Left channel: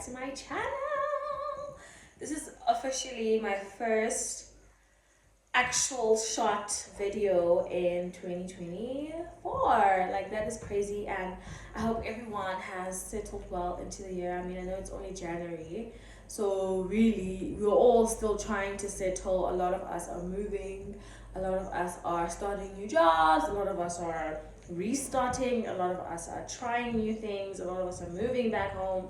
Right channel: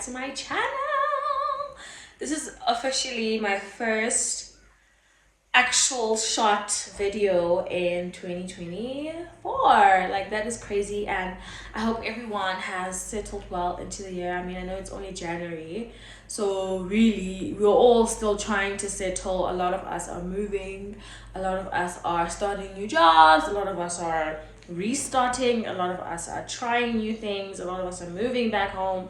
back to my channel. This is officially my first actual shot video in 2024. Like, that is crazy, and I hope everyone has settled well into the year. I mean, I know it's only January, so really we're all still trying to settle. A lot of us are moving, a lot of us are starting new jobs, a lot of us are restarting, a lot of us are trying new things, a lot of us are moving back home.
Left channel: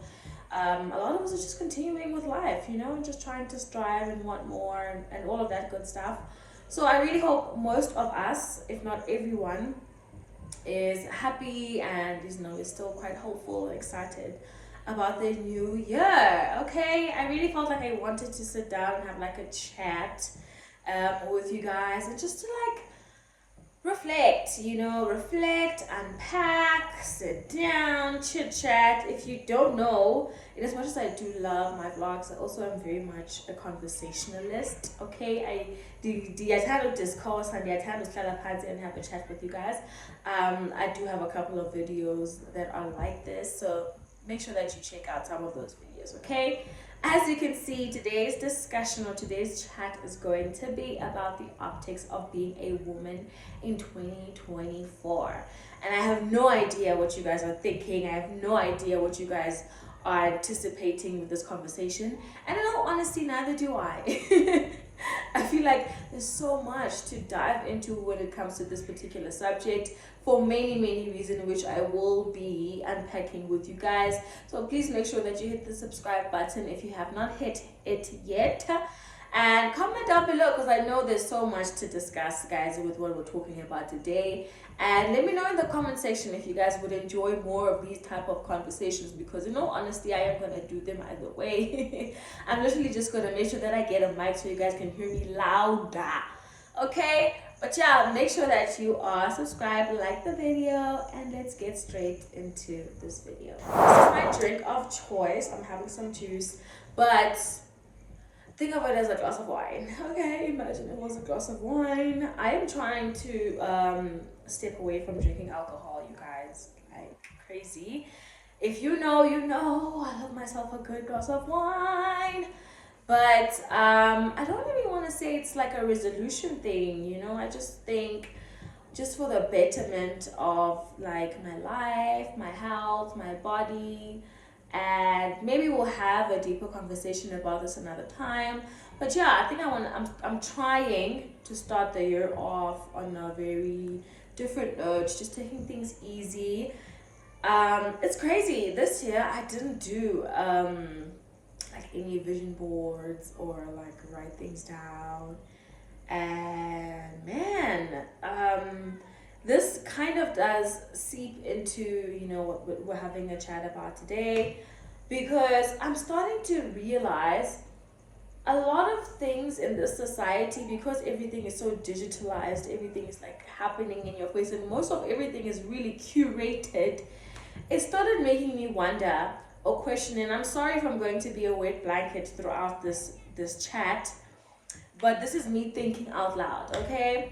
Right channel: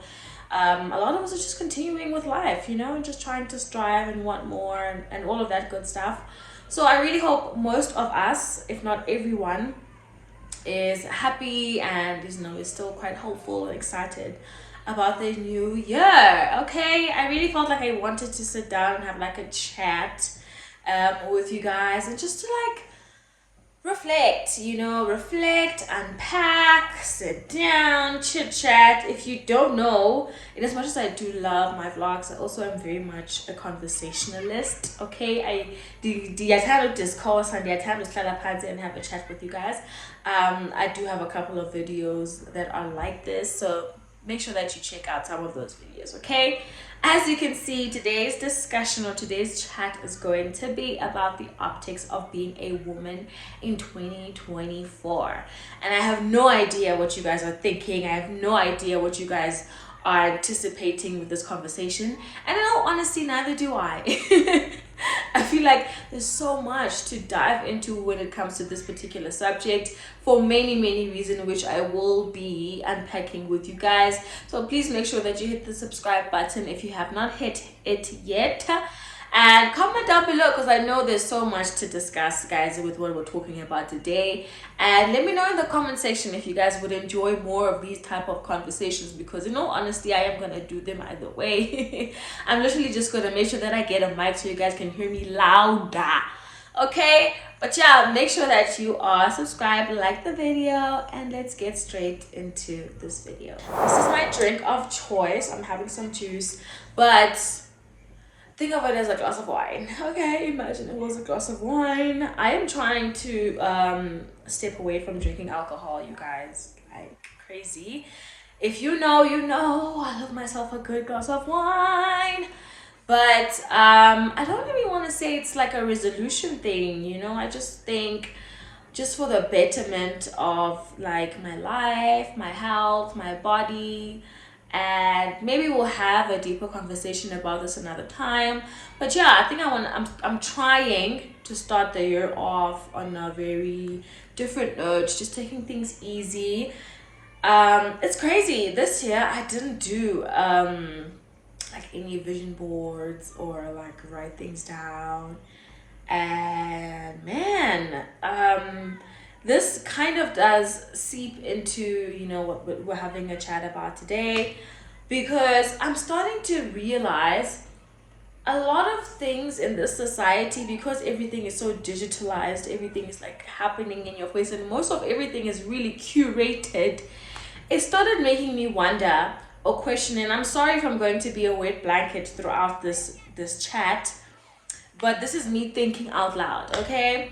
A lot of us are just continuing with life, and just trying to strive and want more, and all of that good stuff. So I really hope most of us, if not everyone, is happy and is still quite hopeful and excited about the new year. Okay, I really felt like I wanted to sit down and have like a chat with you guys, and just to like reflect, unpack, sit down, chit chat. If you don't know, in as much as I do love my vlogs, I also am very much a conversationalist. Okay, I discourse and and have a chat with you guys. I do have a couple of videos that are like this, so make sure that you check out some of those videos. Okay, as you can see, today's discussion or today's chat is going to be about the optics of being a woman in 2024. And I have no idea what you guys are thinking. I have no idea what you guys are anticipating with this conversation. And in all honesty, neither do I. I feel like there's so much to dive into when it comes to this particular subject, for many reasons, which I will be unpacking with you guys. So please make sure that you hit the subscribe button if you have not hit it yet, and comment down below, because I know there's so much to discuss, guys, with what we're talking about today. And let me know in the comment section if you guys would enjoy more of these type of conversations, because in all honesty, I am gonna do them either way. I'm literally just gonna make sure that I get a mic so you guys can hear me louder. Okay, but yeah, make sure that you are subscribed, like the video, and let's get straight into this video. This is my drink of choice. I'm having some juice, but think of it as a glass of wine. Okay, imagine it was a glass of wine. I am trying to step away from drinking alcohol, you guys, like crazy. If you know, you know, I love myself a good glass of wine. But I don't really want to say it's like a resolution thing, I just think, just for the betterment of like my life, my health, my body, and maybe we'll have a deeper conversation about this another time. But yeah, I think I'm trying to start the year off on a very different note, just taking things easy. It's crazy, this year I didn't do like any vision boards or like write things down. And man, this kind of does seep into what we're having a chat about today, because I'm starting to realize a lot of things in this society, because everything is so digitalized, everything is like happening in your face, and most of everything is really curated. It started making me wonder or question, and I'm sorry if I'm going to be a wet blanket throughout this chat, but this is me thinking out loud. Okay,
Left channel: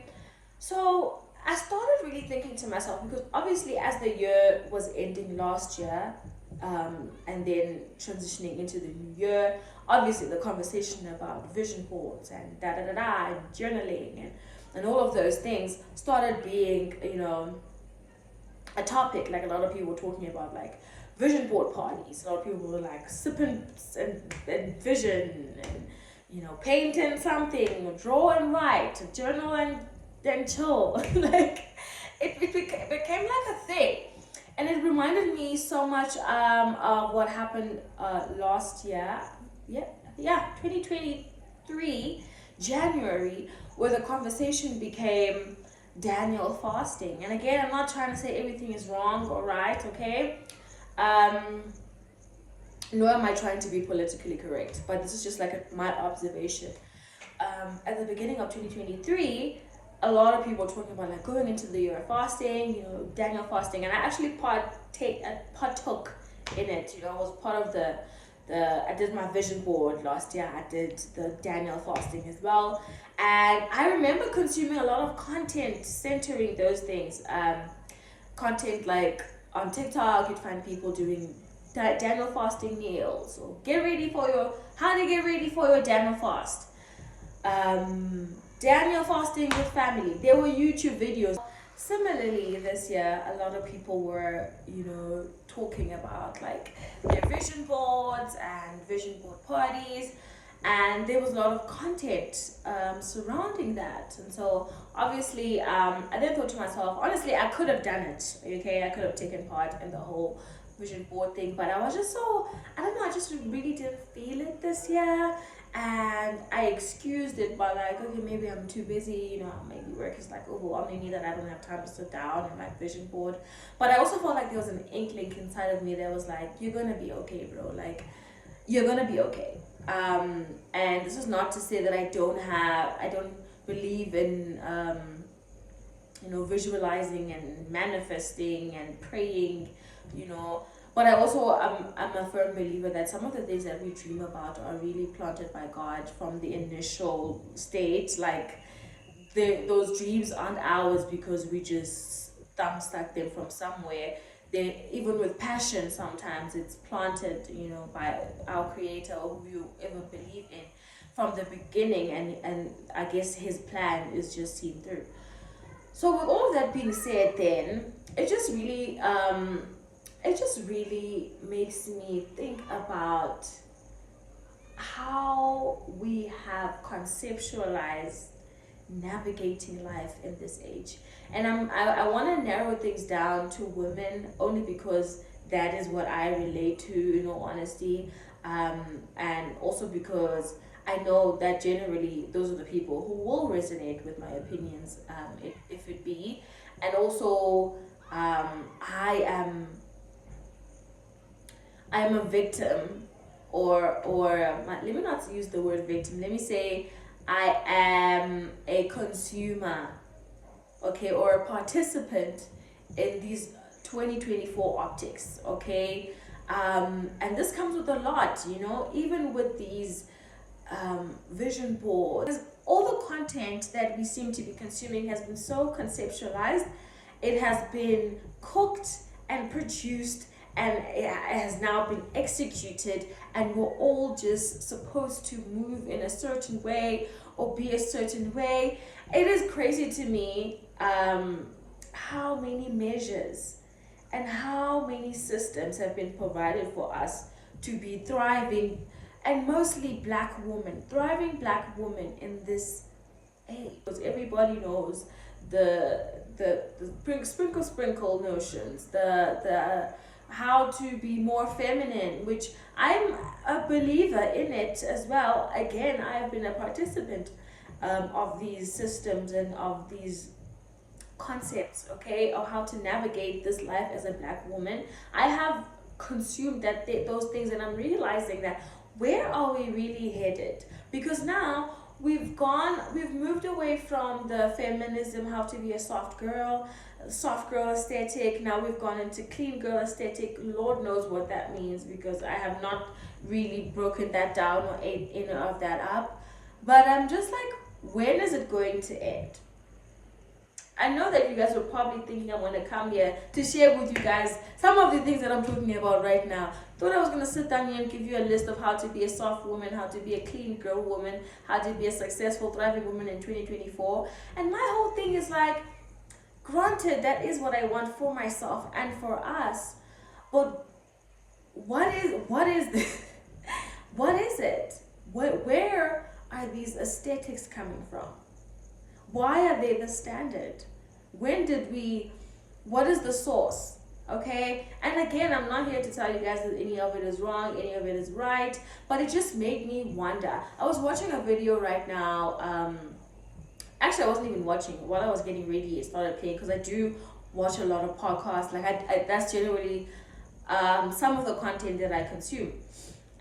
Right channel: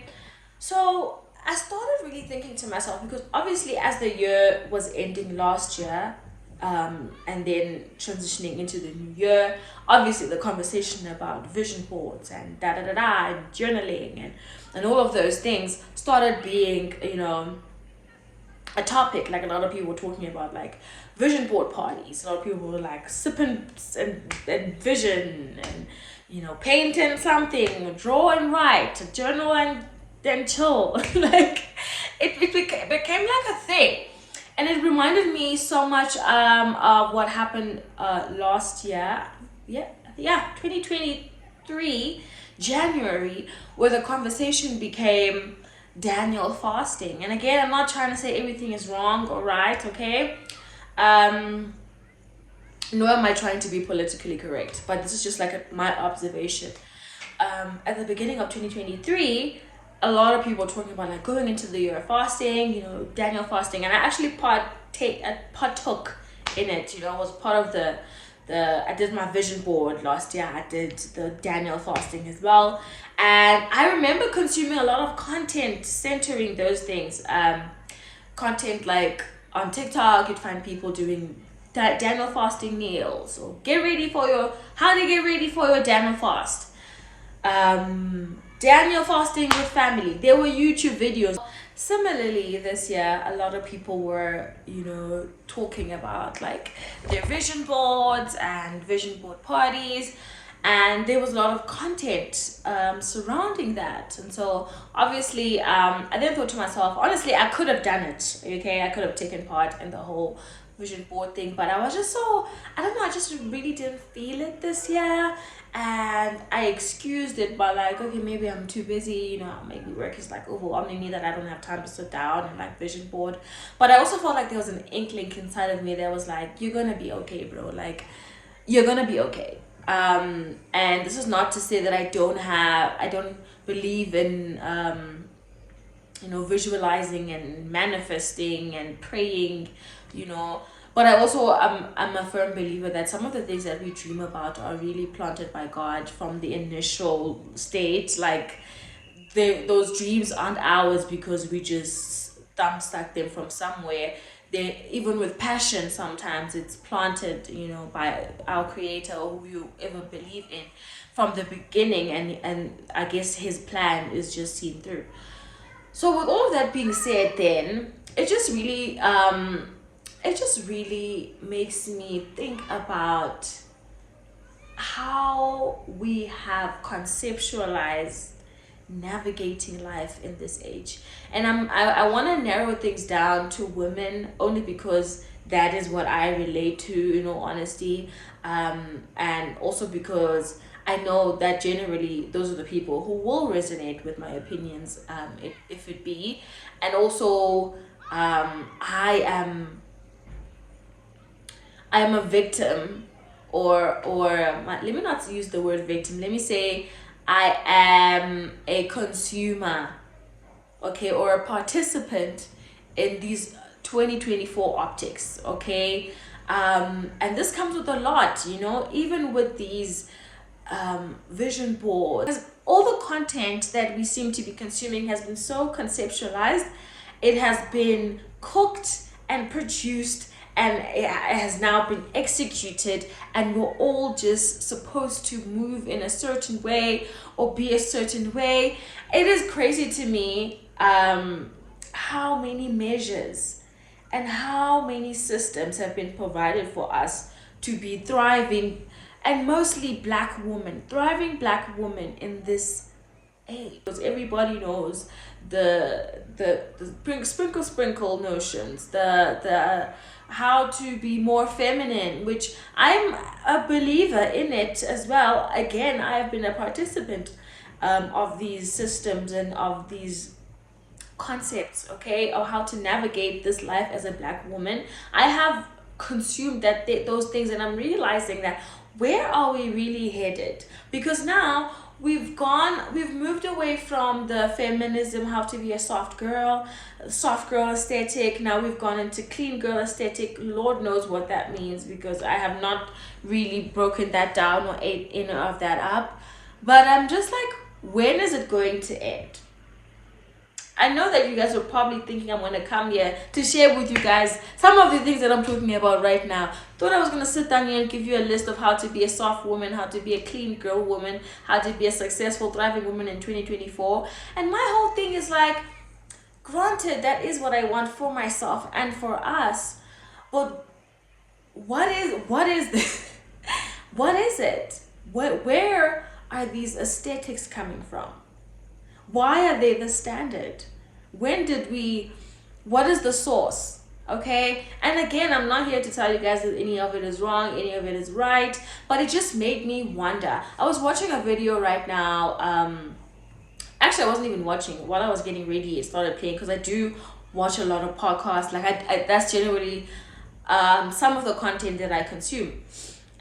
so I started really thinking to myself, because obviously as the year was ending last year, and then transitioning into the new year, obviously the conversation about vision boards and and journaling and all of those things started being a topic. Like, a lot of people were talking about like vision board parties. A lot of people were like sipping and vision, and paint and something, draw and write, journal and then chill. Like, it became like a thing, and it reminded me so much of what happened last year. Yeah, 2023 January, where the conversation became Daniel fasting. And again, I'm not trying to say everything is wrong or right, okay? Nor am I trying to be politically correct, but this is just like my observation. At the beginning of 2023, a lot of people were talking about like going into the year of fasting, Daniel fasting, and I actually partook in it. Was part of the I did my vision board last year. I did the Daniel fasting as well, and I remember consuming a lot of content centering those things. Content like on TikTok, you'd find people doing Daniel fasting meal. So get ready for your, how to get ready for your Daniel fast. Daniel fasting with family. There were YouTube videos. Similarly, this year, a lot of people were, talking about like their vision boards and vision board parties, and there was a lot of content surrounding that. And so, obviously, I then thought to myself, honestly, I could have done it. Okay, I could have taken part in the whole vision board thing, but I was just so, I don't know, I just really didn't feel it this year, and I excused it by like, okay, maybe I'm too busy, maybe work is like overwhelming me that I don't have time to sit down and like vision board. But I also felt like there was an inkling inside of me that was like, you're gonna be okay, bro, like you're gonna be okay. And this is not to say that I don't believe in visualizing and manifesting and praying, but I also I'm a firm believer that some of the things that we dream about are really planted by God from the initial state. Like those dreams aren't ours because we just thumb stuck them from somewhere. They, even with passion, sometimes it's planted, by our creator or who you ever believe in from the beginning, and I guess his plan is just seen through. So with all of that being said, then it just really makes me think about how we have conceptualized navigating life in this age. And I want to narrow things down to women only because that is what I relate to, in all honesty, and also because I know that generally those are the people who will resonate with my opinions, if it be. And also, I am a victim, or let me not use the word victim. Let me say I am a consumer, okay, or a participant in these 2024 optics, okay. And this comes with a lot, even with these vision boards. Because all the content that we seem to be consuming has been so conceptualized. It has been cooked and produced, and it has now been executed, and we're all just supposed to move in a certain way or be a certain way. It is crazy to me how many measures and how many systems have been provided for us to be thriving, and mostly thriving black women in this age. Because everybody knows the sprinkle notions, the how to be more feminine, which I'm a believer in it as well. Again, I have been a participant of these systems and of these concepts, okay, of how to navigate this life as a black woman. I have consumed those things, and I'm realizing that where are we really headed? Because now we've moved away from the feminism, how to be a soft girl aesthetic. Now we've gone into clean girl aesthetic. Lord knows what that means, because I have not really broken that down or ate any of that up. But I'm just like, when is it going to end? I know that you guys are probably thinking I'm going to come here to share with you guys some of the things that I'm talking about right now. Thought I was going to sit down here and give you a list of how to be a soft woman, how to be a clean girl woman, how to be a successful, thriving woman in 2024. And my whole thing is like, granted, that is what I want for myself and for us. But what is this? What is it? Where are these aesthetics coming from? Why are they the standard? What is the source? Okay, and again, I'm not here to tell you guys that any of it is wrong, any of it is right, but it just made me wonder. I was watching a video right now. Actually, I wasn't even watching. While I was getting ready, it started playing, because I do watch a lot of podcasts. Like I that's generally some of the content that I consume.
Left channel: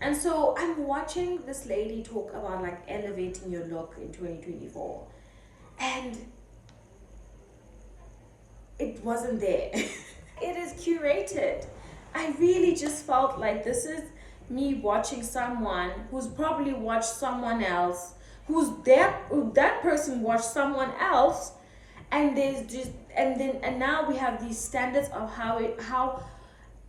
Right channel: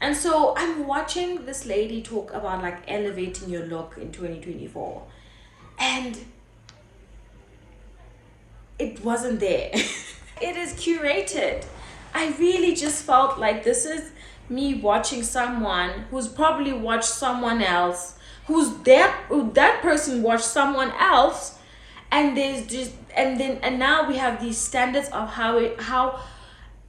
And so I'm watching this lady talk about like elevating your look in 2024. And it wasn't there. It is curated. I really just felt like this is me watching someone who's probably watched someone else, that person watched someone else, and there's just and now we have these standards of how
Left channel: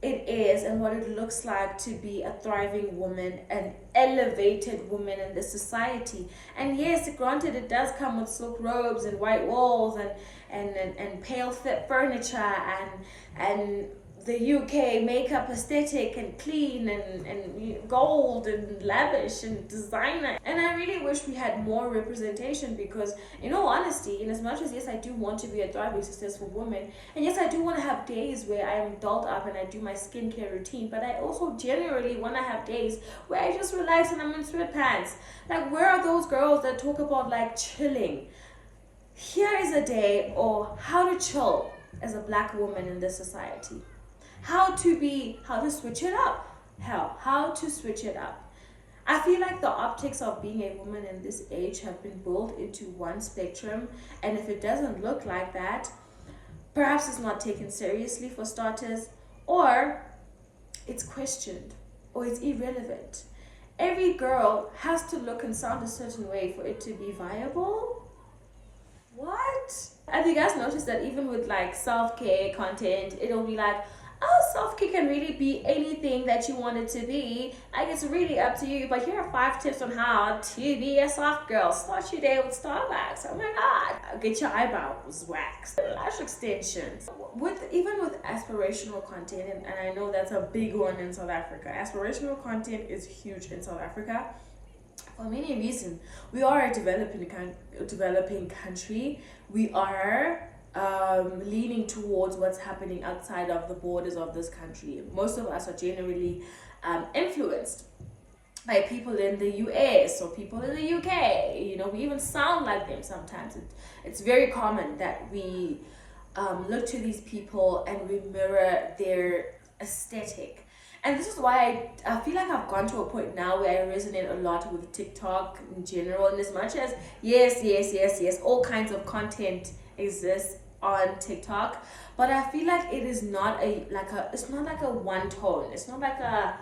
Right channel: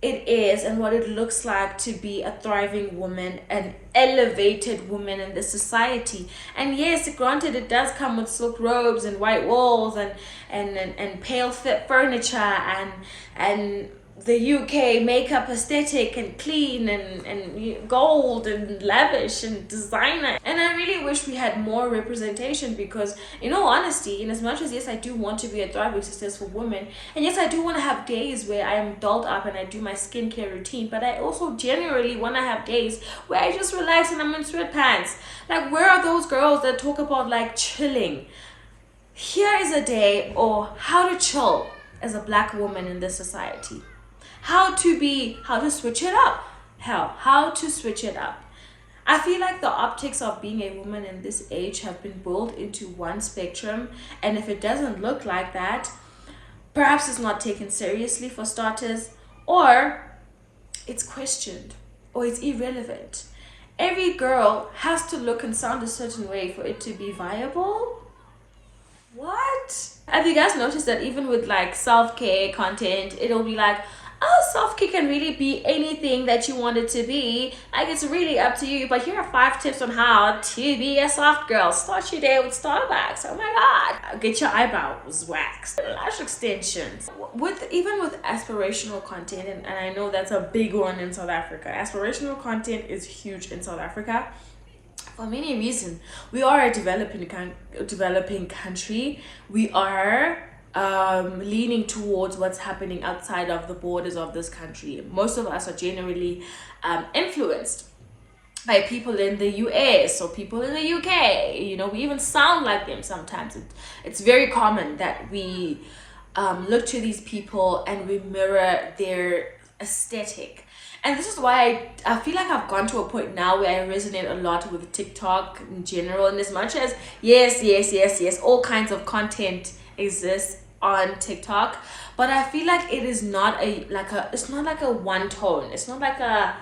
it is and what it looks like to be a thriving woman, an elevated woman in this society. And yes, granted, it does come with silk robes and white walls and pale fit furniture and the UK makeup aesthetic and clean and gold and lavish and designer. And I really wish we had more representation because, in all honesty, in as much as yes, I do want to be a thriving, successful woman, and yes, I do want to have days where I am dolled up and I do my skincare routine, but I also generally want to have days where I just relax and I'm in sweatpants. Like, where are those girls that talk about like chilling? Here is a day or how to chill as a black woman in this society. How to switch it up. How to switch it up. I feel like the optics of being a woman in this age have been boiled into one spectrum, and if it doesn't look like that, perhaps it's not taken seriously for starters, or it's questioned, or it's irrelevant. Every girl has to look and sound a certain way for it to be viable. What? Have you guys noticed that even with like self-care content, it'll be like, oh, self-care can really be anything that you want it to be. Like, it's really up to you. But here are 5 tips on how to be a soft girl. Start your day with Starbucks. Oh my god. Get your eyebrows waxed. Lash extensions. Even with aspirational content, and I know that's a big one in South Africa. Aspirational content is huge in South Africa. For many reasons. We are a developing country. We are leaning towards what's happening outside of the borders of this country. Most of us are generally influenced by people in the US or people in the UK. You know, we even sound like them sometimes. It's very common that we look to these people and we mirror their aesthetic. And this is why I feel like I've gone to a point now where I resonate a lot with TikTok in general. And as much as yes, all kinds of content exists on TikTok, but I feel like it is not it's not like a one tone. It's not like a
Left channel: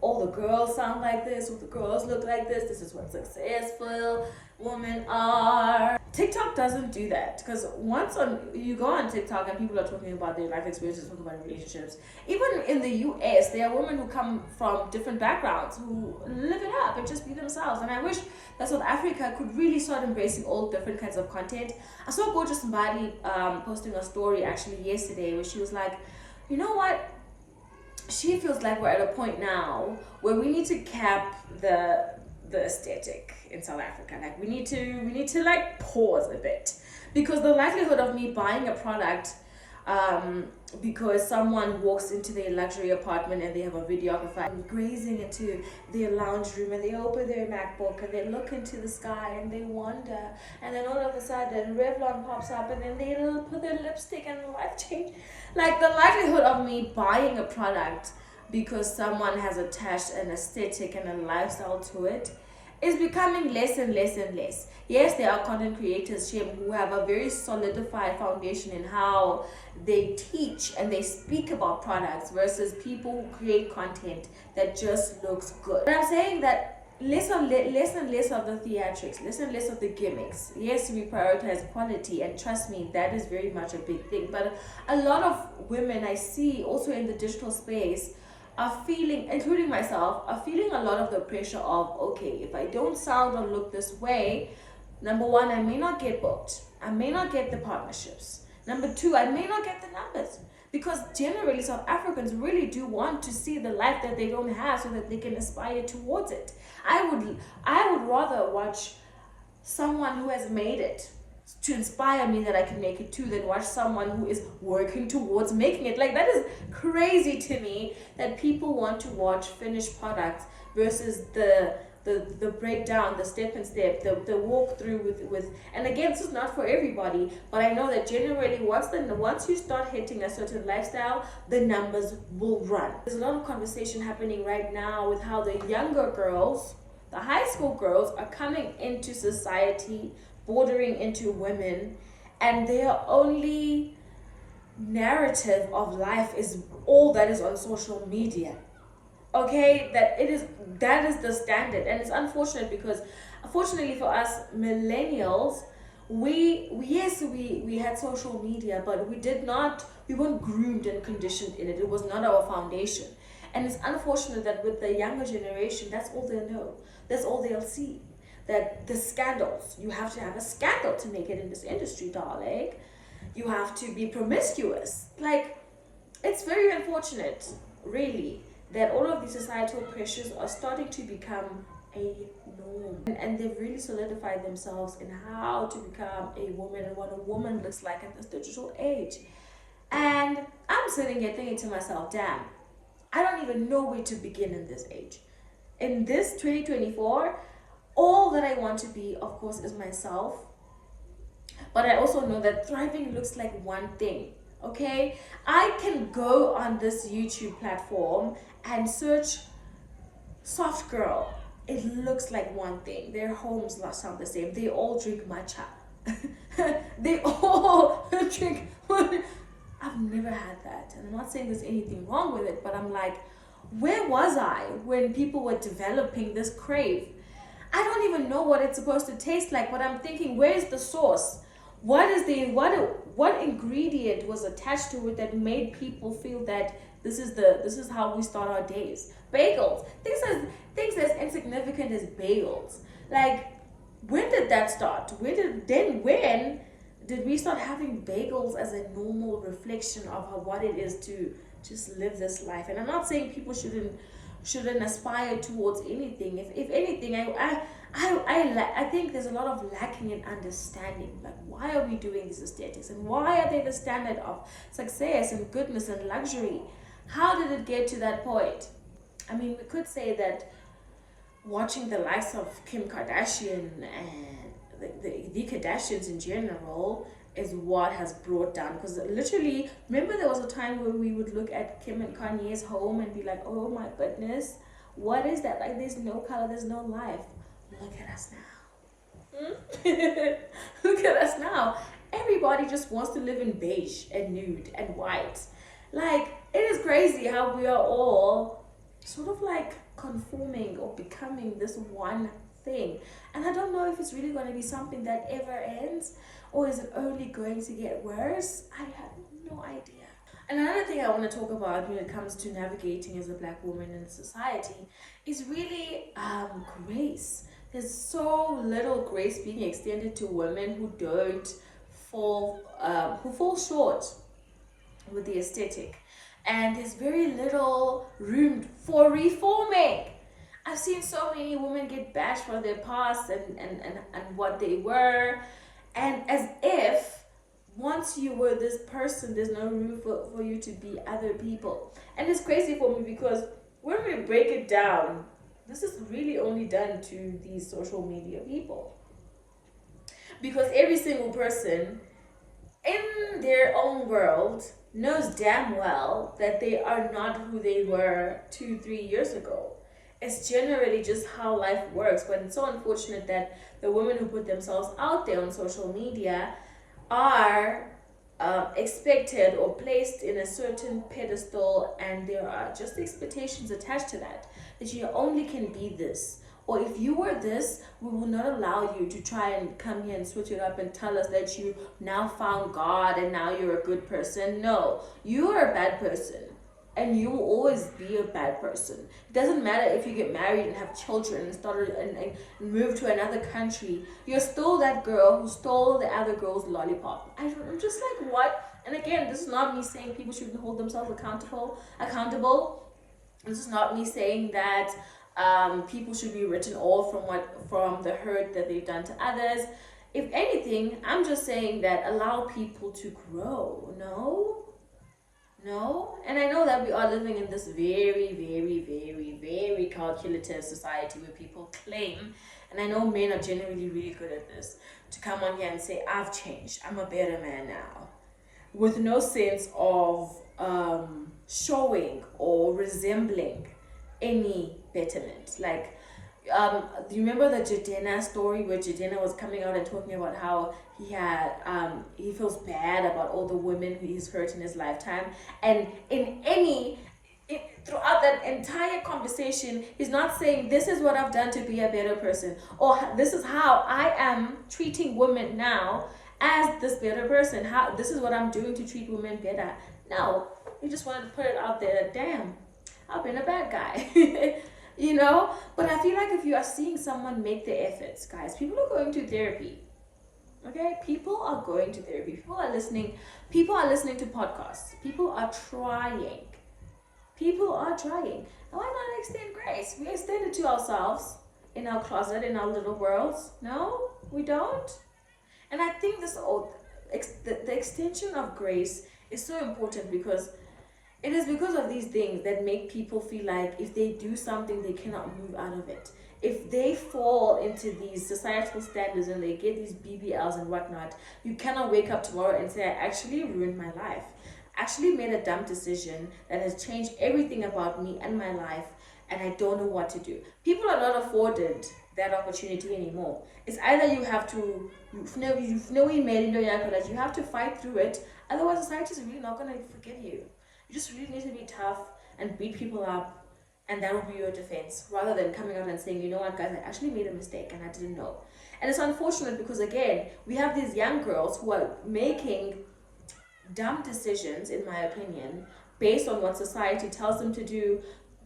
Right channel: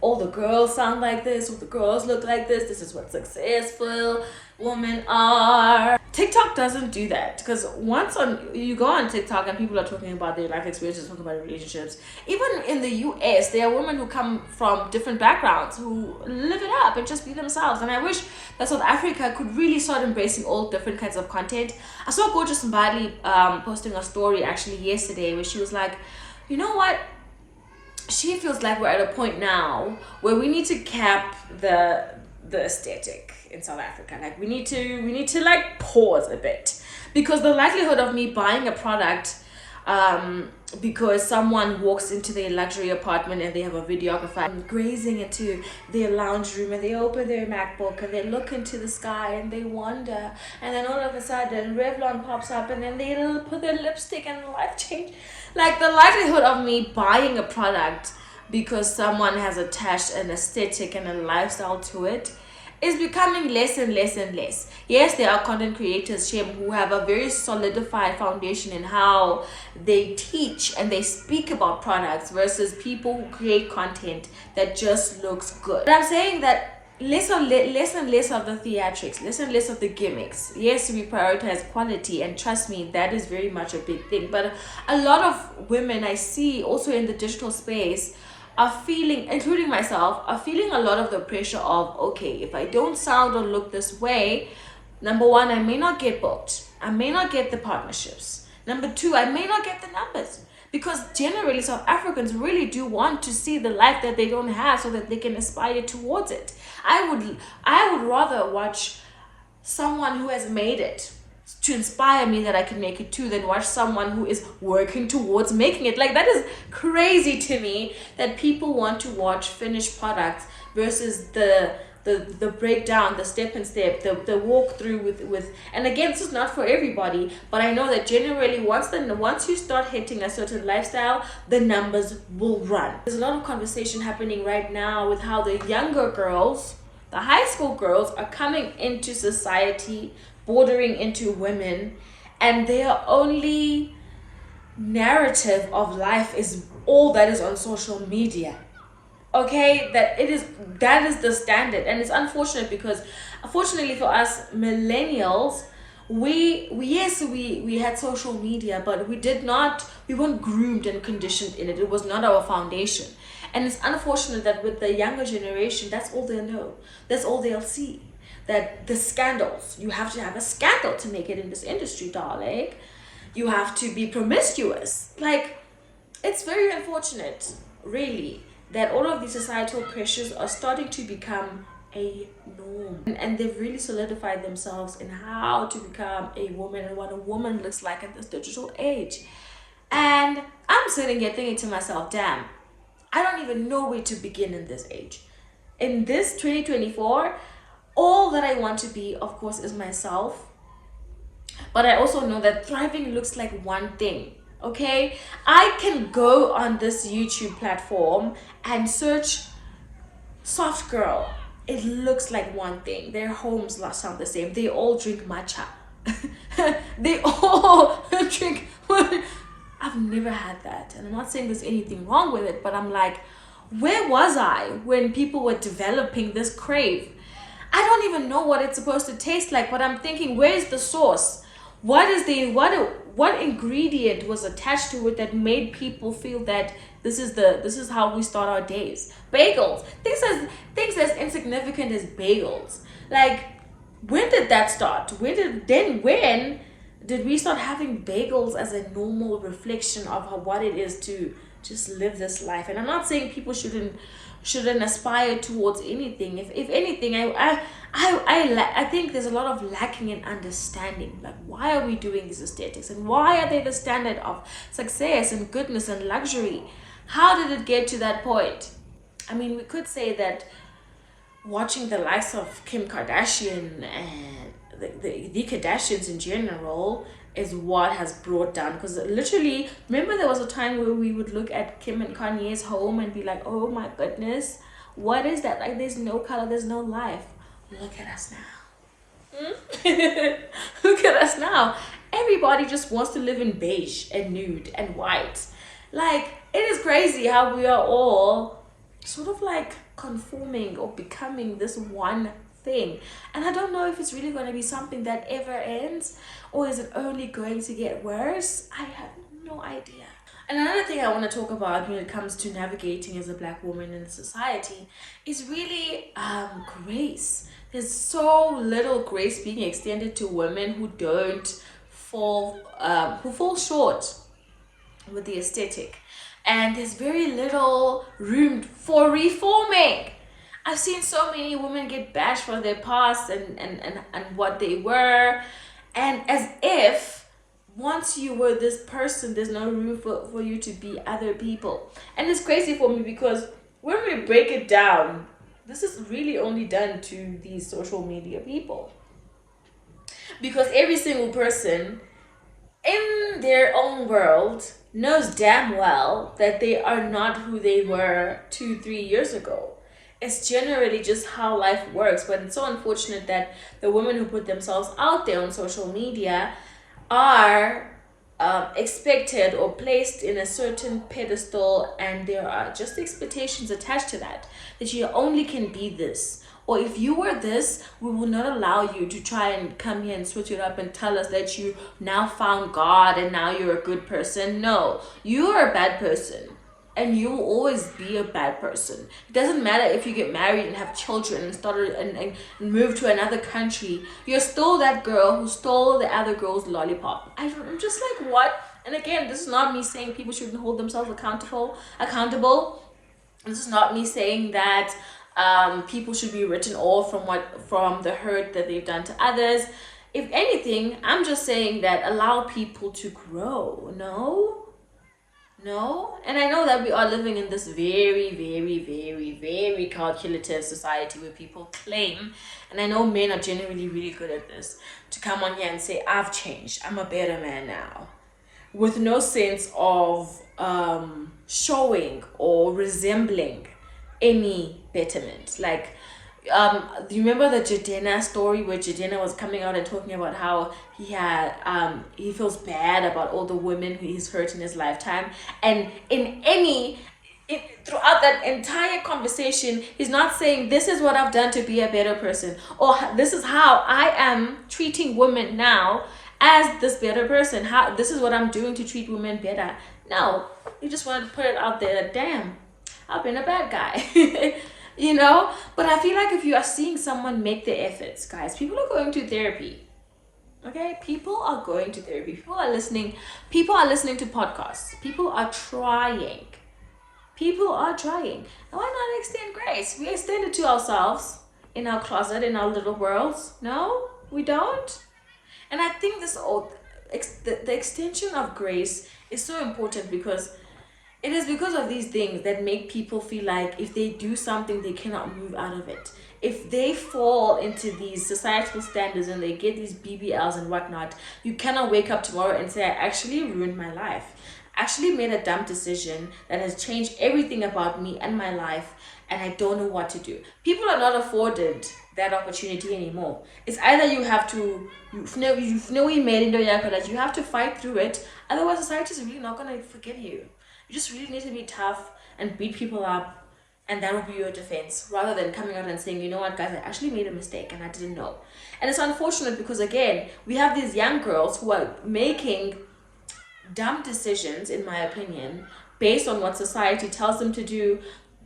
all the girls sound like this, all the girls look like this is what successful women are. TikTok doesn't do that, because once you go on TikTok and people are talking about their life experiences, talking about relationships. Even in the US, there are women who come from different backgrounds who live it up and just be themselves. And I wish that South Africa could really start embracing all different kinds of content. I saw Gorgeous Mbali posting a story actually yesterday where she was like, you know what? She feels like we're at a point now where we need to cap the aesthetic in South Africa. Like, we need to like pause a bit, because the likelihood of me buying a product because someone walks into their luxury apartment and they have a videographer grazing into their lounge room and they open their MacBook and they look into the sky and they wonder, and then all of a sudden Revlon pops up and then they'll put their lipstick and life change. Like, the likelihood of me buying a product because someone has attached an aesthetic and a lifestyle to it is becoming less and less and less. Yes, there are content creators, Shem, who have a very solidified foundation in how they teach and they speak about products, versus people who create content that just looks good. But I'm saying that less and less of the theatrics, less and less of the gimmicks. Yes, we prioritize quality, and trust me, that is very much a big thing. But a lot of women I see also in the digital space are feeling, including myself, are feeling a lot of the pressure of, okay, if I don't sound or look this way, number one, I may not get booked. I may not get the partnerships. Number two, I may not get the numbers. Because generally, South Africans really do want to see the life that they don't have so that they can aspire towards it. I would rather watch someone who has made it to inspire me that I can make it too, than watch someone who is working towards making it. Like, that is crazy to me, that people want to watch finished products versus the breakdown, the step and step, the walkthrough with. And again, this is not for everybody, but I know that generally once you start hitting a certain lifestyle, the numbers will run. There's a lot of conversation happening right now with how the younger girls, the high school girls, are coming into society, bordering into women, and their only narrative of life is all that is on social media. Okay, that is the standard. And it's unfortunate, because unfortunately for us millennials, we had social media, but we weren't groomed and conditioned in it. It was not our foundation. And it's unfortunate that with the younger generation, that's all they'll know. That's all they'll see. That the scandals, you have to have a scandal to make it in this industry, darling. You have to be promiscuous. Like, it's very unfortunate, really, that all of these societal pressures are starting to become a norm. And they've really solidified themselves in how to become a woman and what a woman looks like in this digital age. And I'm sitting here thinking to myself, damn, I don't even know where to begin in this age. In this 2024, all that I want to be, of course, is myself. But I also know that thriving looks like one thing. Okay, I can go on this YouTube platform and search soft girl. It looks like one thing. Their homes sound the same. They all drink matcha. They all drink. I've never had that, and I'm not saying there's anything wrong with it, but I'm like, where was I when people were developing this crave? I don't even know what it's supposed to taste like, but I'm thinking, where's the source? What ingredient was attached to it that made people feel that this is how we start our days? Bagels. Things as insignificant as bagels. Like, when did that start? When did we start having bagels as a normal reflection of what it is to just live this life? And I'm not saying people shouldn't aspire towards anything. If anything, I think there's a lot of lacking in understanding. Like, why are we doing these aesthetics, and why are they the standard of success and goodness and luxury? How did it get to that point? I mean, we could say that watching the likes of Kim Kardashian and the Kardashians in general is what has brought down, because literally, remember there was a time where we would look at Kim and Kanye's home and be like, oh my goodness, what is that? Like, there's no color, there's no life. Look at us now. Look at us now. Everybody just wants to live in beige and nude and white. Like, it is crazy how we are all sort of like conforming or becoming this one thing. And I don't know if it's really going to be something that ever ends, or is it only going to get worse? I have no idea. And another thing I want to talk about when it comes to navigating as a Black woman in society is really grace. There's so little grace being extended to women who fall short with the aesthetic, and there's very little room for reforming. I've seen so many women get bashed for their past and what they were, and as if once you were this person, there's no room for you to be other people. And it's crazy for me, because when we break it down, this is really only done to these social media people, because every single person in their own world knows damn well that they are not who they were 2-3 years ago. It's generally just how life works. But it's so unfortunate that the women who put themselves out there on social media are expected or placed in a certain pedestal, and there are just expectations attached to that you only can be this, or if you were this, we will not allow you to try and come here and switch it up and tell us that you now found God and now you're a good person. No, you are a bad person, and you will always be a bad person. It doesn't matter if you get married and have children and move to another country. You're still that girl who stole the other girl's lollipop. I'm just like, what? And again, this is not me saying people shouldn't hold themselves accountable. This is not me saying that people should be written off from the hurt that they've done to others. If anything, I'm just saying that allow people to grow. No, and I know that we are living in this very, very, very, very calculative society where people claim, and I know men are generally really good at this, to come on here and say, I've changed, I'm a better man now, with no sense of showing or resembling any betterment. Like, do you remember the Jena story, where Jena was coming out and talking about how he feels bad about all the women who he's hurt in his lifetime, and in any throughout that entire conversation, he's not saying this is what I've done to be a better person, or this is how I am treating women now as this better person. How this is what I'm doing to treat women better. No, he just wanted to put it out there. Damn, I've been a bad guy. You know. But I feel like if you are seeing someone make the efforts, guys, people are going to therapy. Okay, people are going to therapy. People are listening. People are listening to podcasts. People are trying. People are trying. And why not extend grace? We extend it to ourselves in our closet, in our little worlds. No, we don't. And I think the extension of grace is so important because it is because of these things that make people feel like if they do something, they cannot move out of it. If they fall into these societal standards and they get these BBLs and whatnot, you cannot wake up tomorrow and say, I actually ruined my life. I actually made a dumb decision that has changed everything about me and my life, and I don't know what to do. People are not afforded that opportunity anymore. It's either you have to, we made it, that you have to fight through it, otherwise society is really not going to forgive you. You just really need to be tough and beat people up, and that will be your defense, rather than coming out and saying, you know what, guys, I actually made a mistake and I didn't know. And it's unfortunate because, again, we have these young girls who are making dumb decisions, in my opinion, based on what society tells them to do,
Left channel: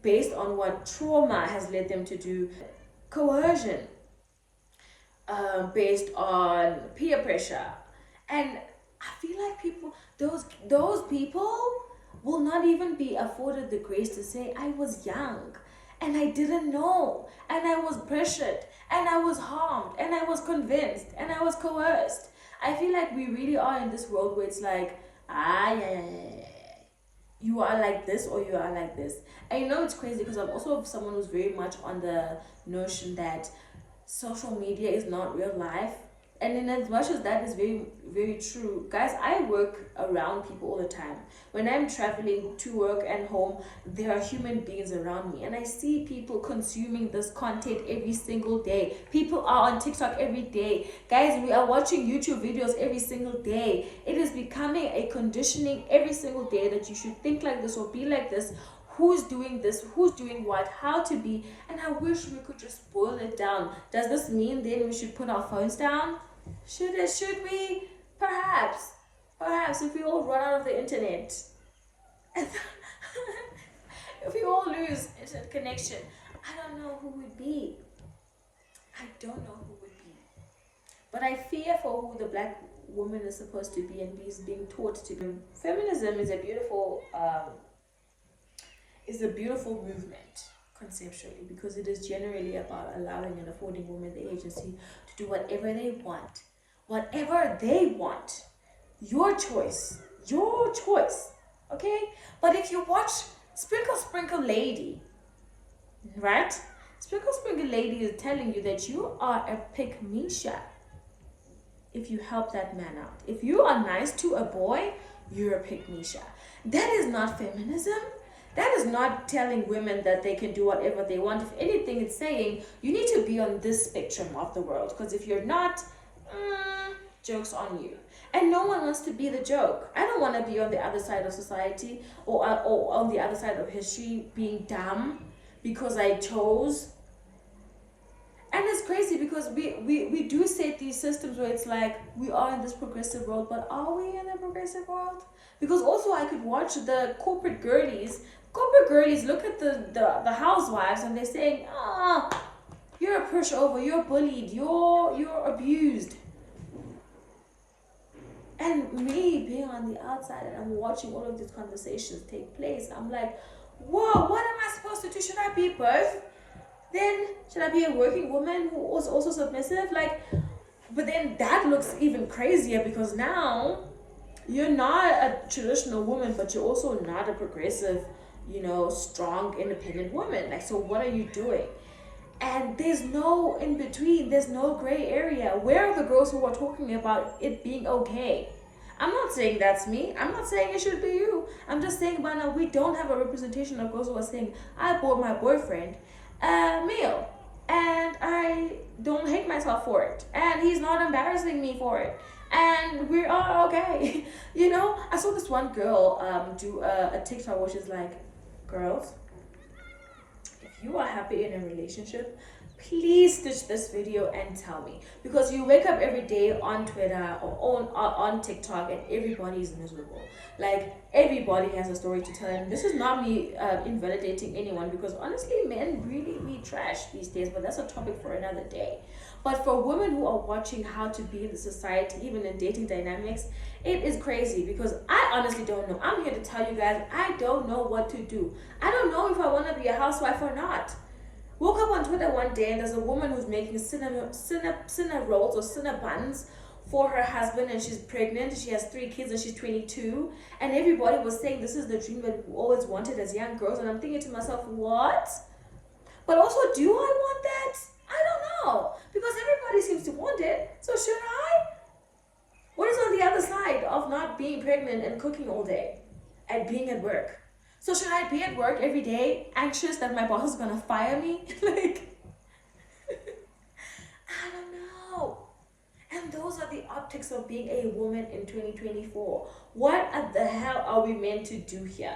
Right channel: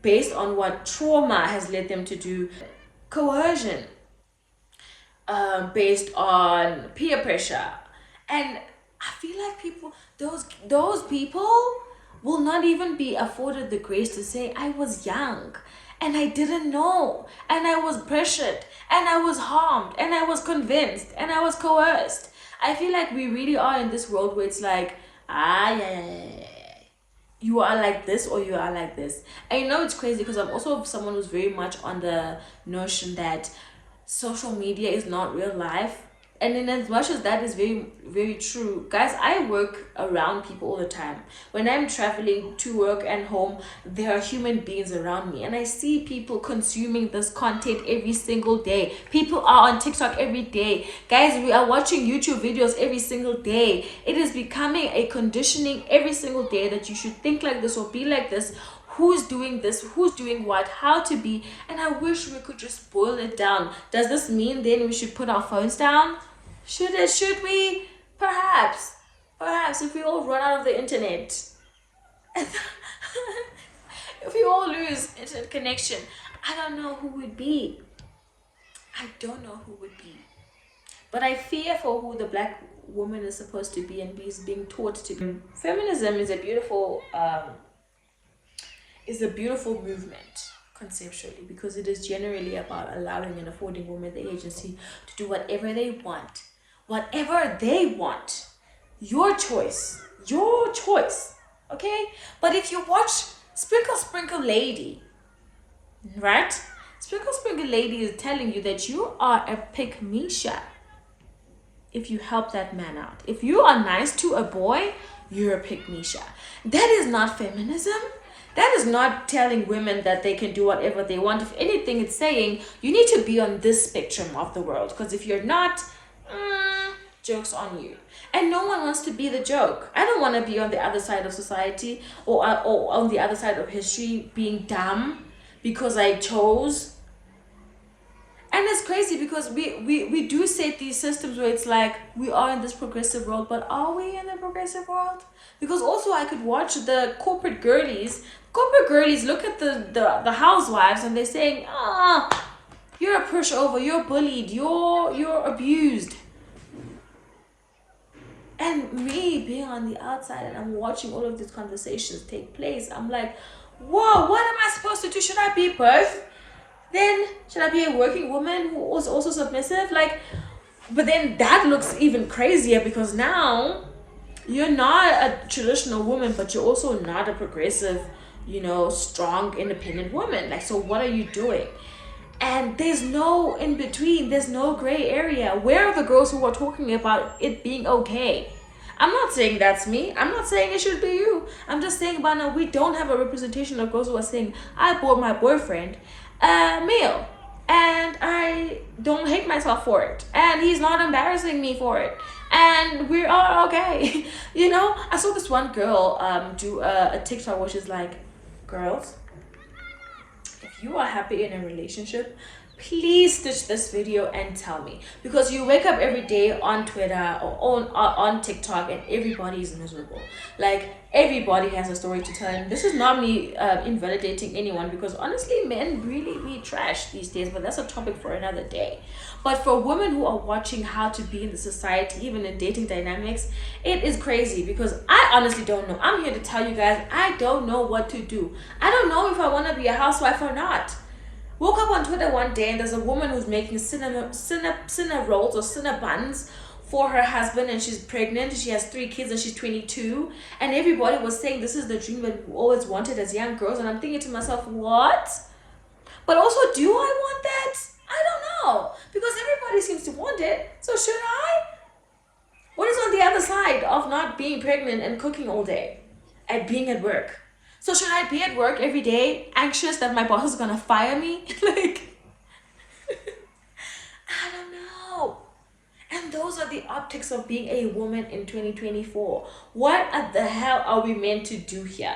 based on what trauma has led them to do, coercion, based on peer pressure. And I feel like those people will not even be afforded the grace to say, I was young and I didn't know, and I was pressured, and I was harmed, and I was convinced, and I was coerced. I feel like we really are in this world where it's like, yeah, you are like this or you are like this. And you know, it's crazy because I'm also someone who's very much on the notion that social media is not real life. And in as much as that is very, very true, guys, I work around people all the time. When I'm traveling to work and home, there are human beings around me. And I see people consuming this content every single day. People are on TikTok every day. Guys, we are watching YouTube videos every single day. It is becoming a conditioning every single day that you should think like this or be like this. Who's doing this, who's doing what, how to be. And I wish we could just boil it down. Does this mean then we should put our phones down? Should we? Perhaps if we all run out of the internet, if we all lose internet connection, I don't know who would be. I don't know who would be. But I fear for who the black woman is supposed to be and is being taught to be. Feminism is a beautiful movement conceptually, because it is generally about allowing and affording women the agency to do whatever they want. Whatever they want. Your choice. Okay? But if you watch Sprinkle Lady, right? Sprinkle Lady is telling you that you are a pick-me-sha if you help that man out. If you are nice to a boy, you're a pick-me-sha. That is not feminism. That is not telling women that they can do whatever they want. If anything, it's saying you need to be on this spectrum of the world. Because if you're not, joke's on you. And no one wants to be the joke. I don't want to be on the other side of society or on the other side of history being dumb because I chose. And it's crazy because we do set these systems where it's like we are in this progressive world, but are we in the progressive world? Because also I could watch the corporate girlies look at the housewives and they're saying, you're a pushover, you're bullied, you're abused. And me being on the outside and I'm watching all of these conversations take place, I'm like, whoa, what am I supposed to do? Should I be both? Then should I be a working woman who was also submissive? But then that looks even crazier because now you're not a traditional woman, but you're also not a progressive, strong, independent woman. So what are you doing? And there's no in between. There's no gray area. Where are the girls who are talking about it being okay? I'm not saying that's me. I'm not saying it should be you. I'm just saying, but now we don't have a representation of girls who are saying, I bought my boyfriend male and I don't hate myself for it and he's not embarrassing me for it and we are okay. I saw this one girl do a TikTok which is like, girls, if you are happy in a relationship, please stitch this video and tell me, because you wake up every day on Twitter or on TikTok and everybody is miserable. Like, everybody has a story to tell, and this is not me invalidating anyone, because honestly men really be trash these days, but that's a topic for another day. But for women who are watching how to be in the society, even in dating dynamics, it is crazy, because I honestly don't know. I'm here to tell you guys, I don't know what to do. I don't know if I want to be a housewife or not. Woke up on Twitter one day and there's a woman who's making cinna rolls or cinna buns for her husband, and she's pregnant. She has 3 kids and she's 22. And everybody was saying this is the dream that we always wanted as young girls. And I'm thinking to myself, what? But also, do I want that? I don't know. Because everybody seems to want it. So should I? What is on the other side of not being pregnant and cooking all day and being at work? So should I be at work every day anxious that my boss is gonna fire me? Like, I don't know. And those are the optics of being a woman in 2024. What the hell are we meant to do here?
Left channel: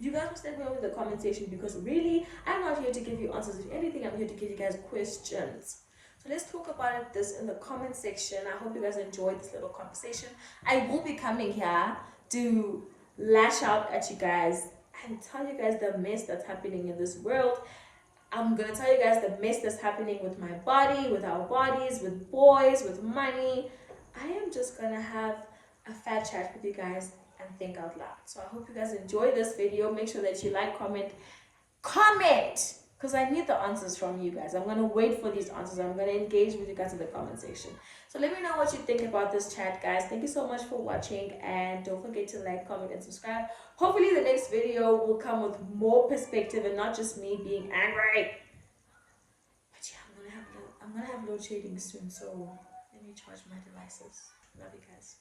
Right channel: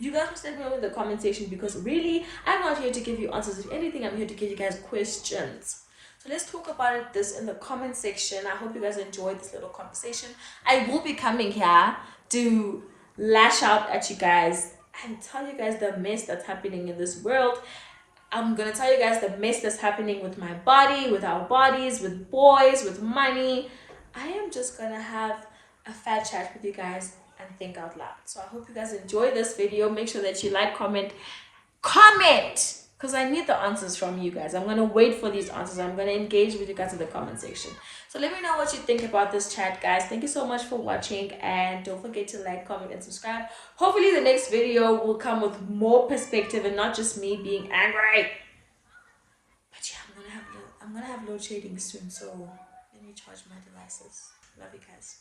You guys must let me know in the comment section, because really, I'm not here to give you answers. If anything, I'm here to give you guys questions. So let's talk about this in the comment section. I hope you guys enjoyed this little conversation. I will be coming here to lash out at you guys and tell you guys the mess that's happening in this world. I'm gonna tell you guys the mess that's happening with my body, with our bodies, with boys, with money. I am just gonna have a fat chat with you guys and think out loud. So I hope you guys enjoy this video. Make sure that you like, comment, because I need the answers from you guys. I'm gonna wait for these answers. I'm gonna engage with you guys in the comment section. So let me know what you think about this chat, guys. Thank you so much for watching, and don't forget to like, comment, and subscribe. Hopefully the next video will come with more perspective and not just me being angry. But yeah, I'm gonna have load shading soon, so let me charge my devices. Love you guys.